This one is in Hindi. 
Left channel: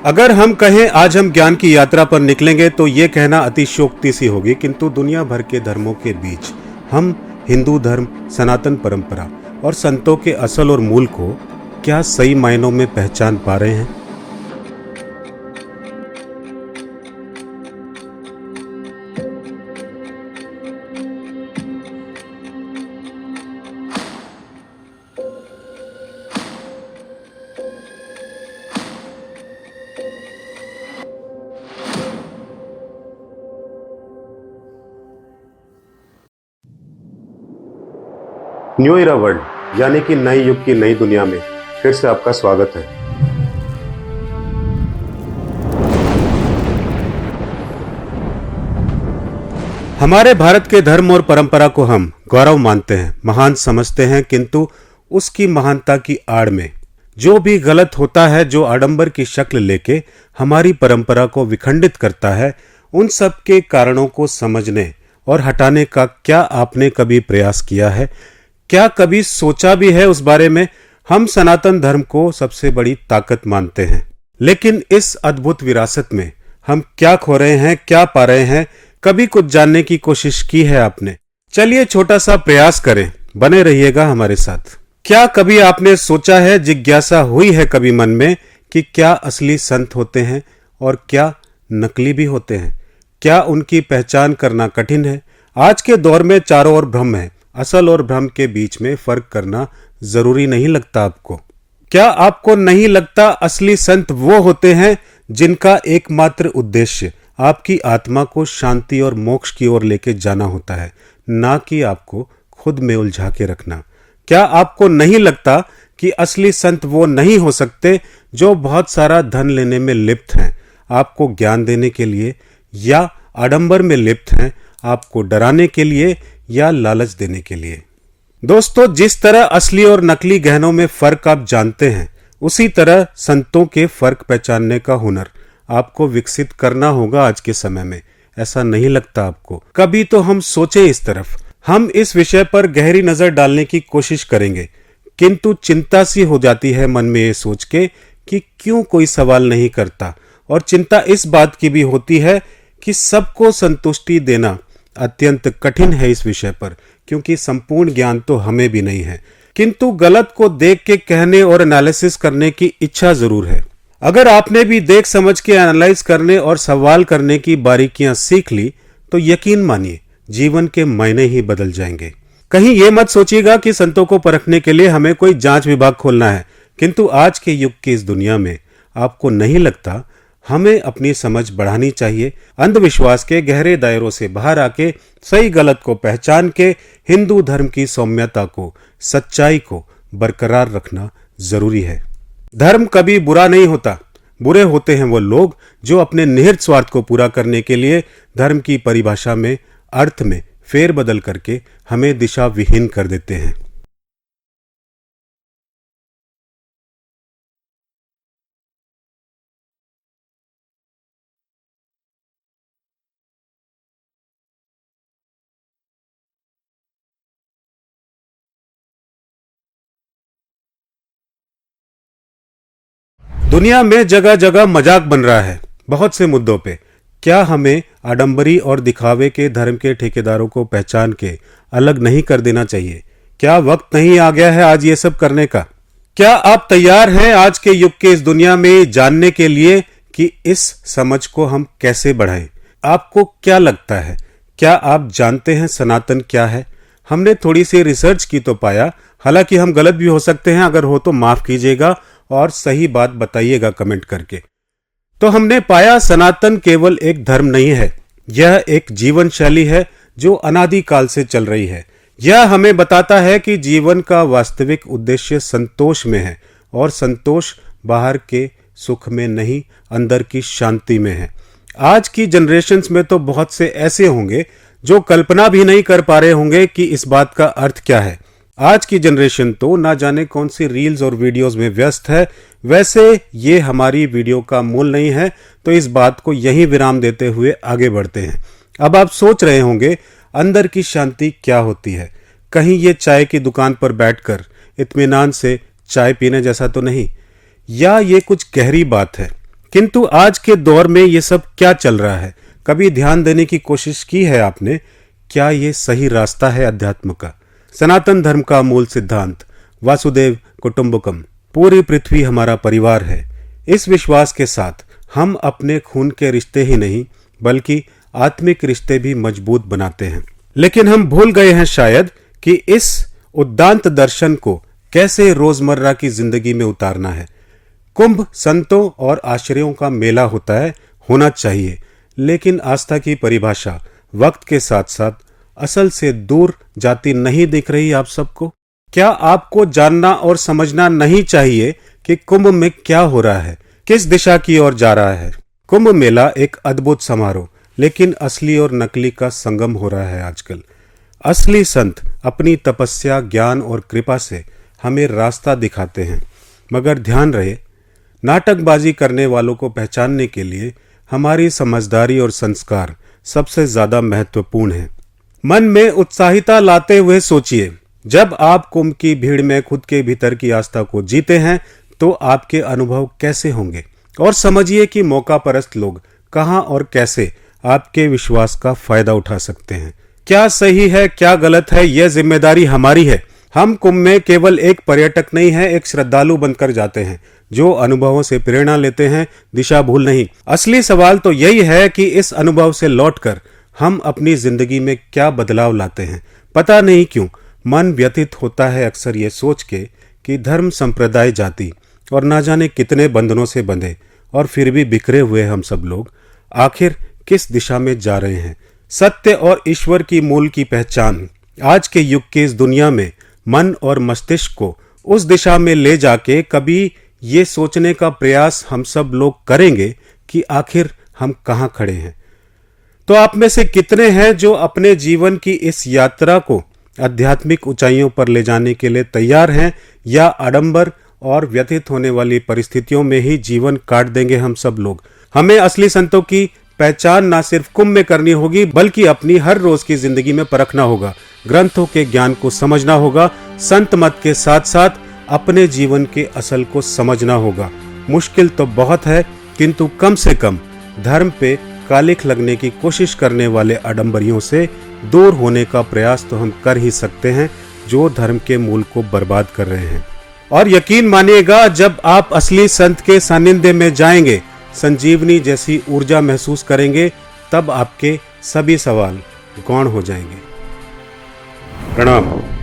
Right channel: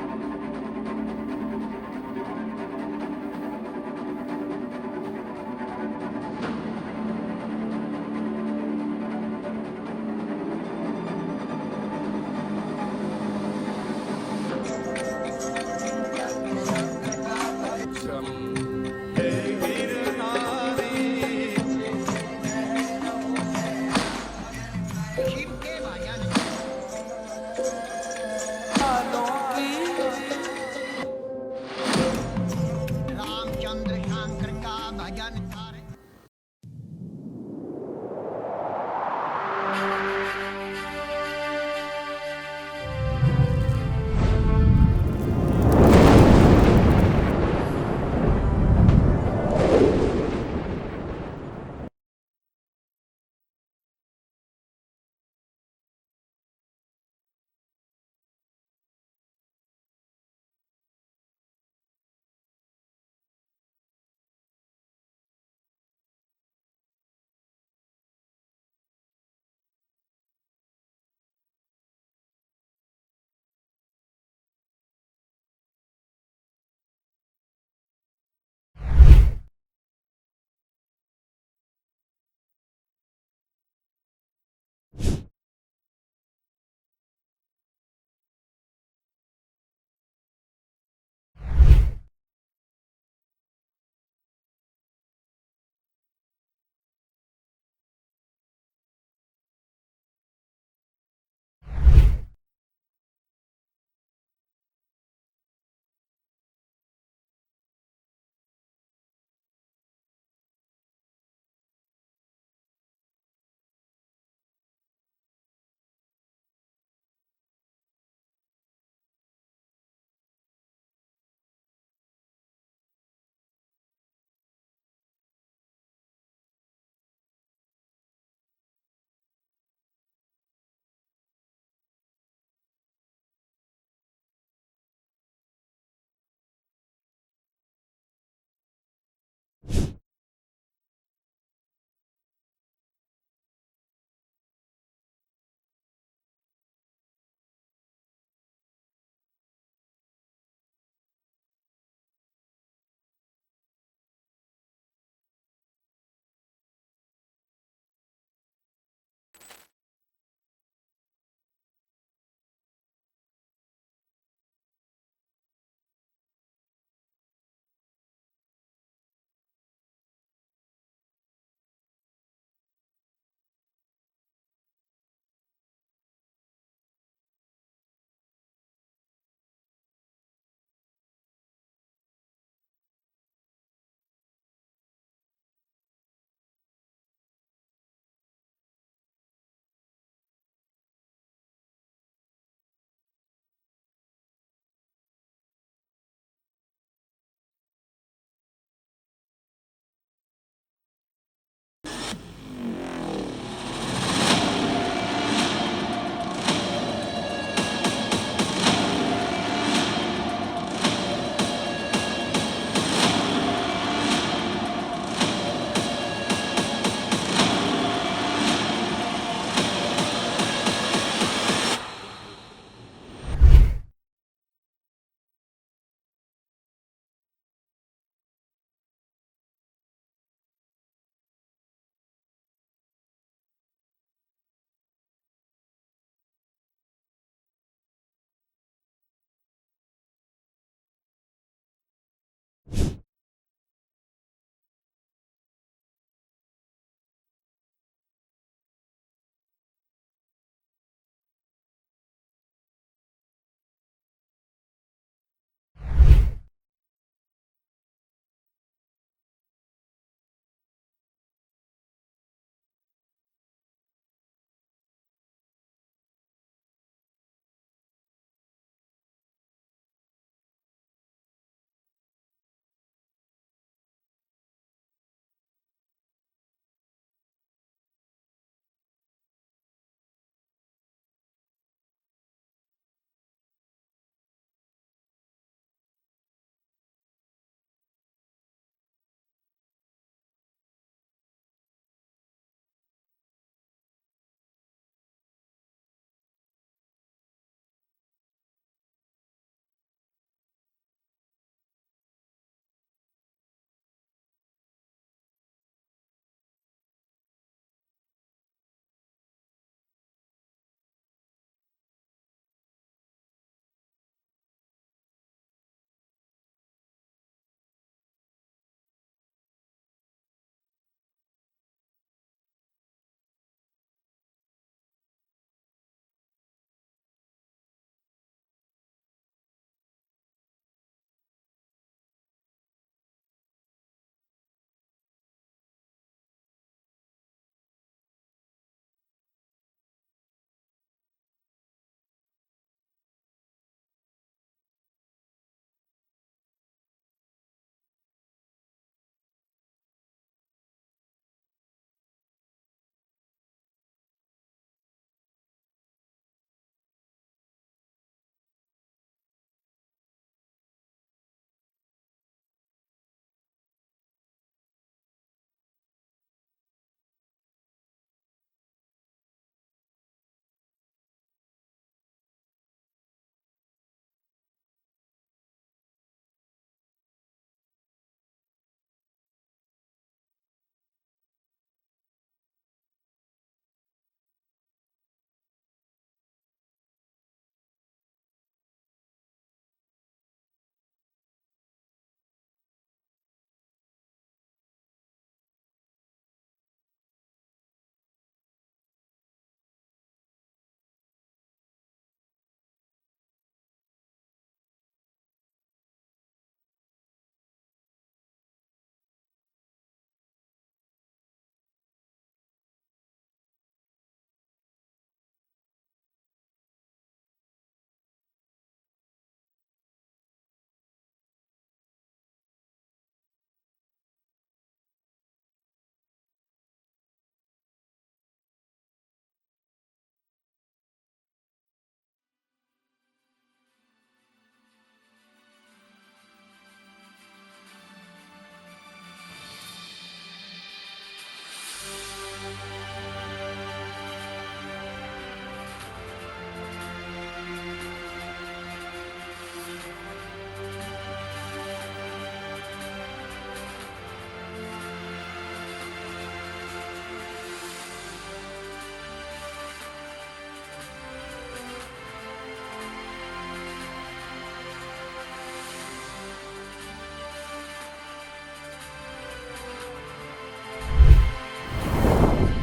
अगर हम कहें आज हम ज्ञान की यात्रा पर निकलेंगे तो ये कहना अतिशयोक्ति सी होगी, किंतु दुनिया भर के धर्मों के बीच हम हिंदू धर्म, सनातन परंपरा और संतों के असल और मूल को क्या सही मायनों में पहचान पा रहे हैं? न्यू इरा वर्ल्ड यानी कि नए युग की नई दुनिया में फिर से आपका स्वागत है। हमारे भारत के धर्म और परंपरा को हम गौरव मानते हैं, महान समझते हैं, किंतु उसकी महानता की आड़ में जो भी गलत होता है, जो आडंबर की शक्ल लेके हमारी परंपरा को विखंडित करता है, उन सब के कारणों को समझने और हटाने का क्या आपने कभी प्रयास किया है? क्या कभी सोचा भी है उस बारे में? हम सनातन धर्म को सबसे बड़ी ताकत मानते हैं, लेकिन इस अद्भुत विरासत में हम क्या खो रहे हैं, क्या पा रहे हैं? कभी कुछ जानने की कोशिश की है आपने? चलिए छोटा सा प्रयास करें, बने रहिएगा हमारे साथ। क्या कभी आपने सोचा है, जिज्ञासा हुई है कभी मन में कि क्या असली संत होते हैं और क्या नकली भी होते हैं? क्या उनकी पहचान करना कठिन है? आज के दौर में चारों ओर भ्रम है, असल और भ्रम के बीच में फर्क करना जरूरी नहीं लगता आपको? क्या आपको नहीं लगता असली संत वो होते हैं जिनका एकमात्र उद्देश्य आपकी आत्मा को शांति और मोक्ष की ओर लेके जाना होता है, ना कि आपको खुद में उलझा के रखना? क्या आपको नहीं लगता कि असली संत वो नहीं हो सकते जो बहुत सारा धन लेने में लिप्त हैं, आपको ज्ञान देने के लिए, या आडंबर में लिप्त हैं, आपको डराने के लिए या लालच देने के लिए? दोस्तों, जिस तरह असली और नकली गहनों में फर्क आप जानते हैं, उसी तरह संतों के फर्क पहचानने का हुनर आपको विकसित करना होगा आज के समय में। ऐसा नहीं लगता आपको? कभी तो हम सोचे इस तरफ। हम इस विषय पर गहरी नजर डालने की कोशिश करेंगे, किंतु चिंता सी हो जाती है मन में ये सोच के कि क्यों कोई सवाल नहीं करता, और चिंता इस बात की भी होती है कि सबको संतुष्टि देना अत्यंत कठिन है इस विषय पर, क्योंकि संपूर्ण ज्ञान तो हमें भी नहीं है, किंतु गलत को देख के कहने और एनालिसिस करने की इच्छा जरूर है। अगर आपने भी देख समझ के एनालाइज करने और सवाल करने की बारीकियां सीख ली तो यकीन मानिए जीवन के मायने ही बदल जाएंगे। कहीं ये मत सोचिएगा कि संतों को परखने के लिए हमें कोई जांच विभाग खोलना है, किंतु आज के युग की इस दुनिया में आपको नहीं लगता हमें अपनी समझ बढ़ानी चाहिए? अंधविश्वास के गहरे दायरों से बाहर आके सही गलत को पहचान के हिंदू धर्म की सौम्यता को, सच्चाई को बरकरार रखना जरूरी है। धर्म कभी बुरा नहीं होता, बुरे होते हैं वो लोग जो अपने निहित स्वार्थ को पूरा करने के लिए धर्म की परिभाषा में, अर्थ में फेरबदल करके हमें दिशा विहीन कर देते हैं। दुनिया में जगह जगह मजाक बन रहा है बहुत से मुद्दों पे। क्या हमें आडंबरी और दिखावे के धर्म के ठेकेदारों को पहचान के अलग नहीं कर देना चाहिए? क्या वक्त नहीं आ गया है आज ये सब करने का? क्या आप तैयार हैं आज के युग के इस दुनिया में जानने के लिए कि इस समझ को हम कैसे बढ़ाएं? आपको क्या लगता है? क्या आप जानते हैं सनातन क्या है? हमने थोड़ी सी रिसर्च की तो पाया, हालांकि हम गलत भी हो सकते हैं, अगर हो तो माफ कीजिएगा और सही बात बताइएगा कमेंट करके। तो हमने पाया सनातन केवल एक धर्म नहीं है, यह एक जीवन शैली है जो अनादिकाल से चल रही है। यह हमें बताता है कि जीवन का वास्तविक उद्देश्य संतोष में है, और संतोष बाहर के सुख में नहीं, अंदर की शांति में है। आज की जनरेशन्स में तो बहुत से ऐसे होंगे जो कल्पना भी नहीं कर पा रहे होंगे कि इस बात का अर्थ क्या है। आज की जनरेशन तो ना जाने कौन सी रील्स और वीडियोस में व्यस्त है। वैसे ये हमारी वीडियो का मूल नहीं है, तो इस बात को यहीं विराम देते हुए आगे बढ़ते हैं। अब आप सोच रहे होंगे अंदर की शांति क्या होती है? कहीं ये चाय की दुकान पर बैठकर इत्मीनान से चाय पीने जैसा तो नहीं, या ये कुछ गहरी बात है? किंतु आज के दौर में ये सब क्या चल रहा है? कभी ध्यान देने की कोशिश की है आपने? क्या ये सही रास्ता है अध्यात्म का? सनातन धर्म का मूल सिद्धांत वासुदेव कुटुंबकम, पूरी पृथ्वी हमारा परिवार है, इस विश्वास के साथ हम अपने खून के रिश्ते ही नहीं बल्कि आत्मिक रिश्ते भी मजबूत बनाते हैं। लेकिन हम भूल गए हैं शायद कि इस उद्दांत दर्शन को कैसे रोजमर्रा की जिंदगी में उतारना है। कुंभ संतों और आश्रयों का मेला होता है, होना चाहिए, लेकिन आस्था की परिभाषा वक्त के साथ साथ असल से दूर जाती नहीं दिख रही आप सबको? क्या आपको जानना और समझना नहीं चाहिए कि कुंभ में क्या हो रहा है, किस दिशा की ओर जा रहा है? कुंभ मेला एक अद्भुत समारोह, लेकिन असली और नकली का संगम हो रहा है आजकल। असली संत अपनी तपस्या, ज्ञान और कृपा से हमें रास्ता दिखाते हैं, मगर ध्यान रहे, नाटकबाजी करने वालों को पहचानने के लिए हमारी समझदारी और संस्कार सबसे ज्यादा महत्वपूर्ण है। मन में उत्साहिता लाते हुए सोचिए, जब आप कुंभ की भीड़ में खुद के भीतर की आस्था को जीते हैं तो आपके अनुभव कैसे होंगे, और समझिए कि मौका परस्त लोग कहां और कैसे आपके विश्वास का फायदा उठा सकते हैं। क्या सही है, क्या गलत है, यह जिम्मेदारी हमारी है। हम कुंभ में केवल एक पर्यटक नहीं है, एक श्रद्धालु बनकर जाते हैं जो अनुभवों से प्रेरणा लेते हैं, दिशा भूल नहीं। असली सवाल तो यही है कि इस अनुभव से लौटकर हम अपनी जिंदगी में क्या बदलाव लाते हैं। पता नहीं क्यों मन व्यथित होता है अक्सर ये सोच के कि धर्म, संप्रदाय, जाति और ना जाने कितने बंधनों से बंधे और फिर भी बिखरे हुए हम सब लोग आखिर किस दिशा में जा रहे हैं। सत्य और ईश्वर की मूल की पहचान आज के युग के इस दुनिया में मन और मस्तिष्क को उस दिशा में ले जाके कभी ये सोचने का प्रयास हम सब लोग करेंगे कि आखिर हम कहाँ खड़े हैं। तो आप में से कितने हैं जो अपने जीवन की इस यात्रा को आध्यात्मिक ऊंचाइयों पर ले जाने के लिए तैयार हैं, या आडंबर और व्यथित होने वाली परिस्थितियों में ही जीवन काट देंगे हम सब लोग? हमें असली संतों की पहचान ना सिर्फ कुंभ में करनी होगी बल्कि अपनी हर रोज की जिंदगी में परखना होगा, ग्रंथों के ज्ञान को समझना होगा, संत मत के साथ साथ अपने जीवन के असल को समझना होगा। मुश्किल तो बहुत है, किंतु कम से कम धर्म पे कालिख लगने की कोशिश करने वाले आडंबरियों से दूर होने का प्रयास तो हम कर ही सकते हैं जो धर्म के मूल को बर्बाद कर रहे हैं। और यकीन मानिएगा, जब आप असली संत के सानिध्य में जाएंगे, संजीवनी जैसी ऊर्जा महसूस करेंगे, तब आपके सभी सवाल गौण हो जाएंगे। प्रणाम।